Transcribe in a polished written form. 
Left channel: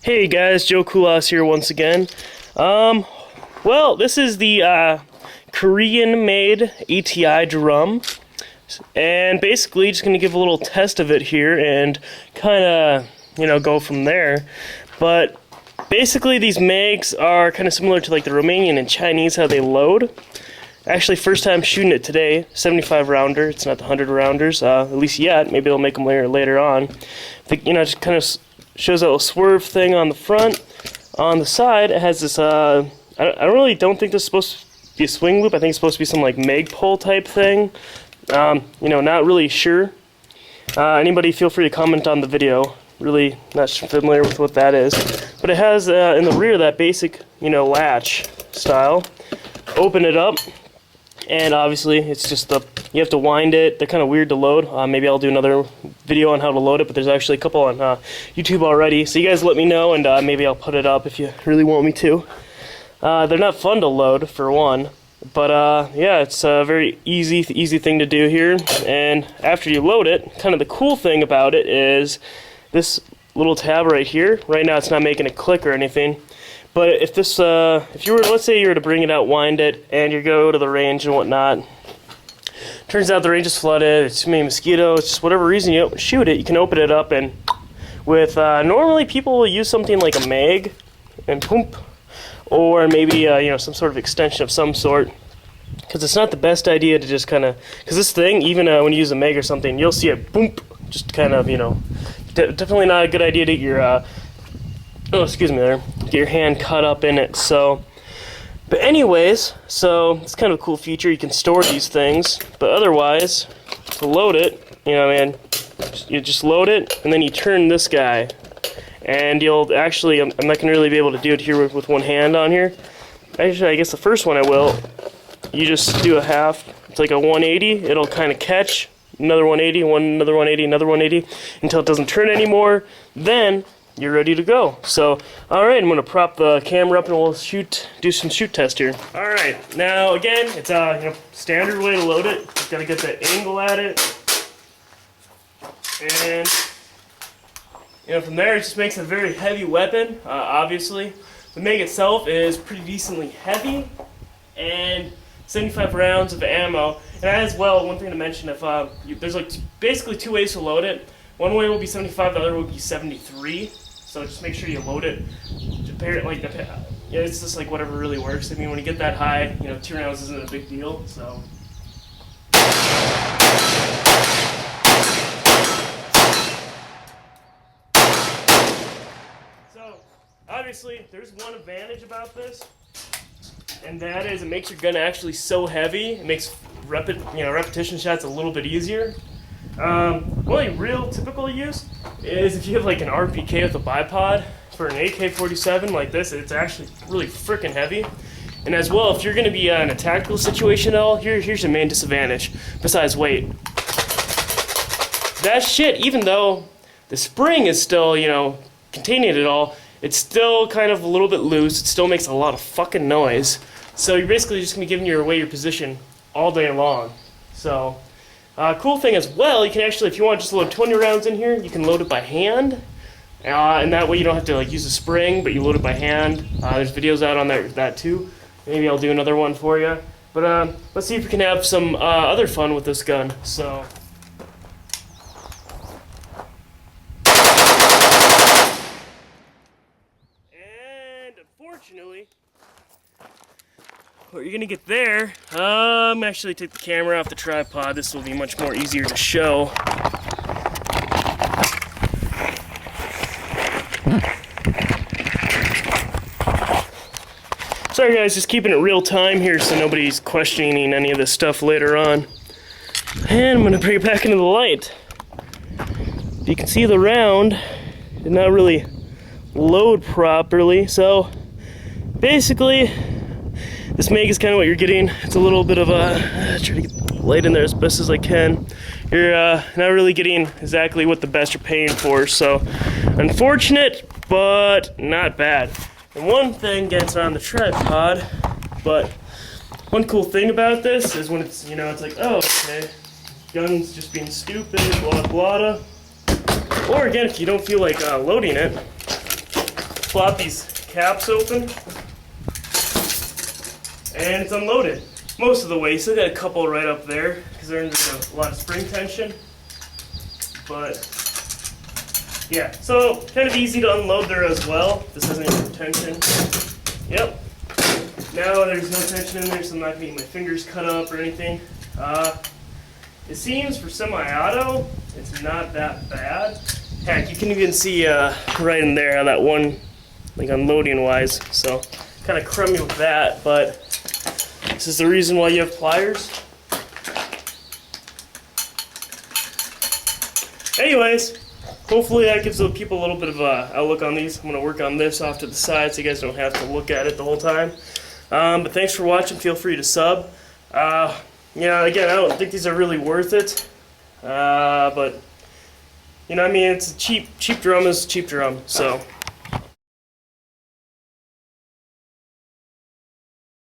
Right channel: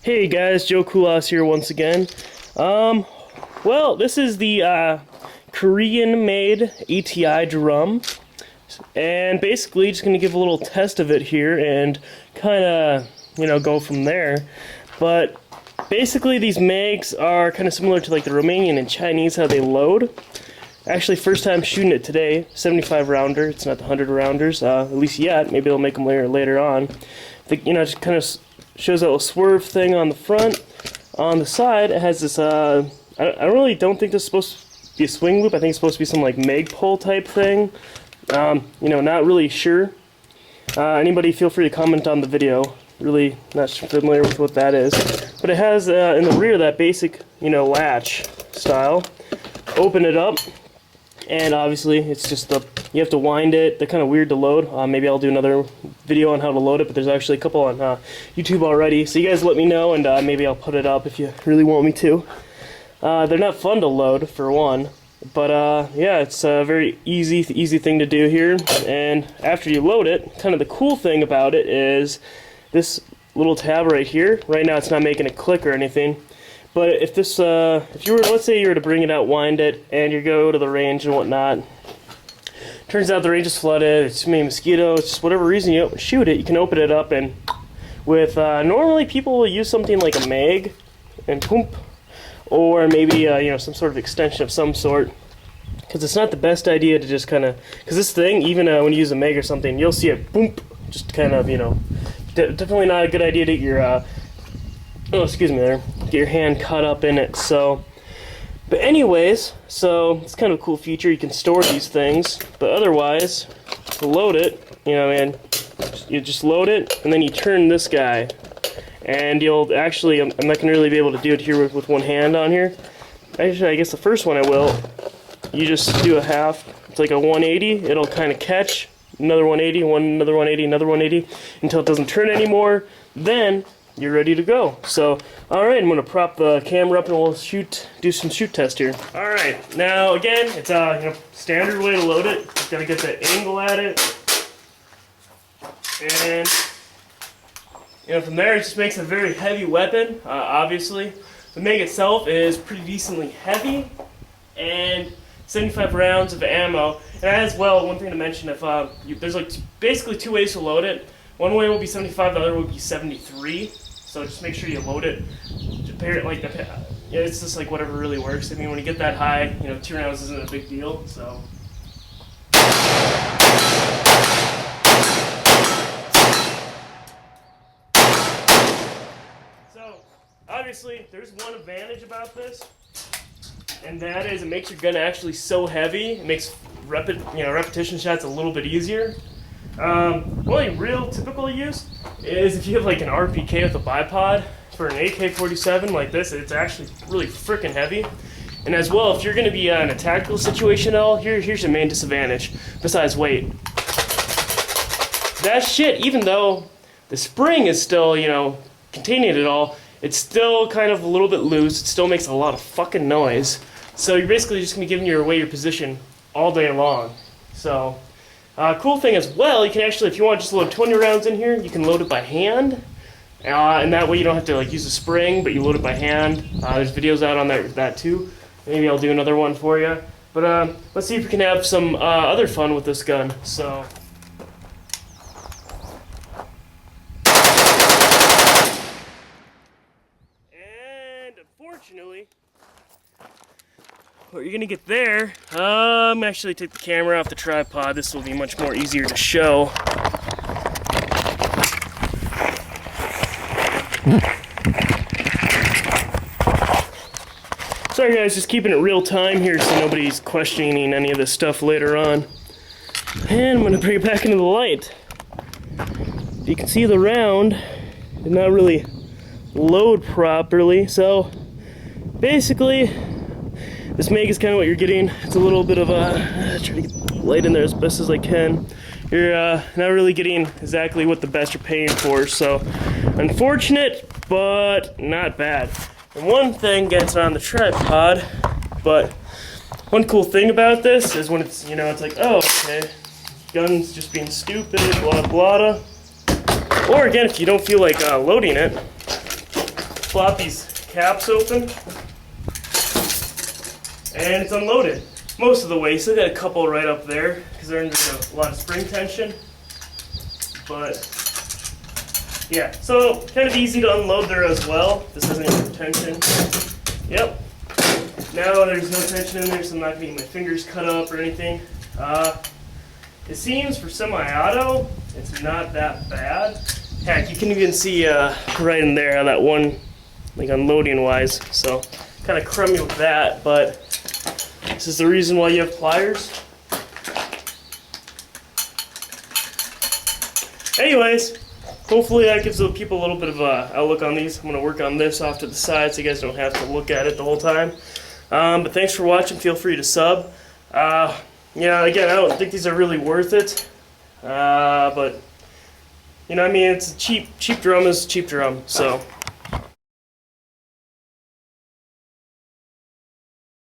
Hey guys, Joe Kulas here once again. Well, this is the Korean-made ATI drum, and basically just gonna give a little test of it here and kind of, go from there. But basically, these mags are kind of similar to like the Romanian and Chinese, how they load. Actually, first time shooting it today, 75 rounder. It's not the 100 rounders, at least yet. Maybe they'll make them later on. Just kind of shows a little swerve thing on the front. On the side, it has this. I don't think this is supposed to be a swing loop. I think it's supposed to be some like Magpul type thing. Not really sure. Anybody, feel free to comment on the video. Really not familiar with what that is, but it has in the rear that basic, latch style. Open it up. And obviously, it's just you have to wind it. They're kind of weird to load. Maybe I'll do another video on how to load it, but there's actually a couple on YouTube already. So you guys let me know, and maybe I'll put it up if you really want me to. They're not fun to load, for one. But yeah, it's a very easy thing to do here. And after you load it, kind of the cool thing about it is this little tab right here. Right now, it's not making a click or anything. But if this, let's say you were to bring it out, wind it, and you go to the range and whatnot, turns out the range is flooded, it's too many mosquitoes, just whatever reason you don't shoot it, you can open it up, and with, normally people will use something like a mag, and boom, or maybe, some sort of extension of some sort, because it's not the best idea to just kind of, because this thing, even when you use a mag or something, you'll see it, boom, just kind of, definitely not a good idea to get your, get your hand cut up in it. So, but anyways, so it's kind of a cool feature. You can store these things, but otherwise, to load it, you just load it, and then you turn this guy, and you'll actually, I'm not gonna really be able to do it here with one hand on here. Actually, I guess the first one I will. You just do a half. It's like a 180. It'll kind of catch another 180, another 180, another 180 until it doesn't turn anymore. Then you're ready to go. So, alright, I'm going to prop the camera up and we'll do some shoot test here. Alright, now again, it's a standard way to load it. Just got to get that angle at it. And, from there it just makes a very heavy weapon, obviously. The mag itself is pretty decently heavy, and 75 rounds of ammo. And as well, one thing to mention, if there's like basically two ways to load it. One way will be 75, the other will be 73. So just make sure you load it. It's just like whatever really works. I mean, when you get that high, 2 rounds isn't a big deal. So. So obviously, there's one advantage about this, and that is it makes your gun actually so heavy. It makes repetition shots a little bit easier. Only real typical use is if you have like an RPK with a bipod. For an AK-47 like this, it's actually really freaking heavy. And as well, if you're going to be in a tactical situation at all, here's your main disadvantage, besides weight. That shit, even though the spring is still, containing it all, it's still kind of a little bit loose. It still makes a lot of fucking noise. So you're basically just going to be giving away your position all day long. So. Cool thing as well, you can actually, if you want to just load 20 rounds in here, you can load it by hand. And that way you don't have to use a spring, but you load it by hand. There's videos out on that too. Maybe I'll do another one for you. But let's see if we can have some other fun with this gun. So. And unfortunately, what you're gonna get there, actually take the camera off the tripod. This will be much more easier to show. Sorry guys, just keeping it real time here so nobody's questioning any of this stuff later on. And I'm gonna bring it back into the light. You can see the round did not really load properly, so basically this mag is kind of what you're getting. It's a little bit of a, try to get light in there as best as I can. You're not really getting exactly what the best you're paying for, so unfortunate, but not bad. And one thing gets on the tripod, but one cool thing about this is when it's, it's like, oh, okay, gun's just being stupid, blah, blah. Or again, if you don't feel like loading it, flop these caps open, and it's unloaded most of the way. Still got a couple right up there because they're under a lot of spring tension. But yeah, so kind of easy to unload there as well. This has any tension. Yep. Now there's no tension in there, so I'm not going to get my fingers cut up or anything. It seems for semi-auto, it's not that bad. Heck, you can even see right in there how that one, like unloading wise. So kind of crummy with that, but this is the reason why you have pliers. Anyways, hopefully that gives the people a little bit of a outlook on these. I'm going to work on this off to the side so you guys don't have to look at it the whole time. But thanks for watching. Feel free to sub. Yeah, again, I don't think these are really worth it. But, you know, I mean, it's a cheap drum is a cheap drum. So,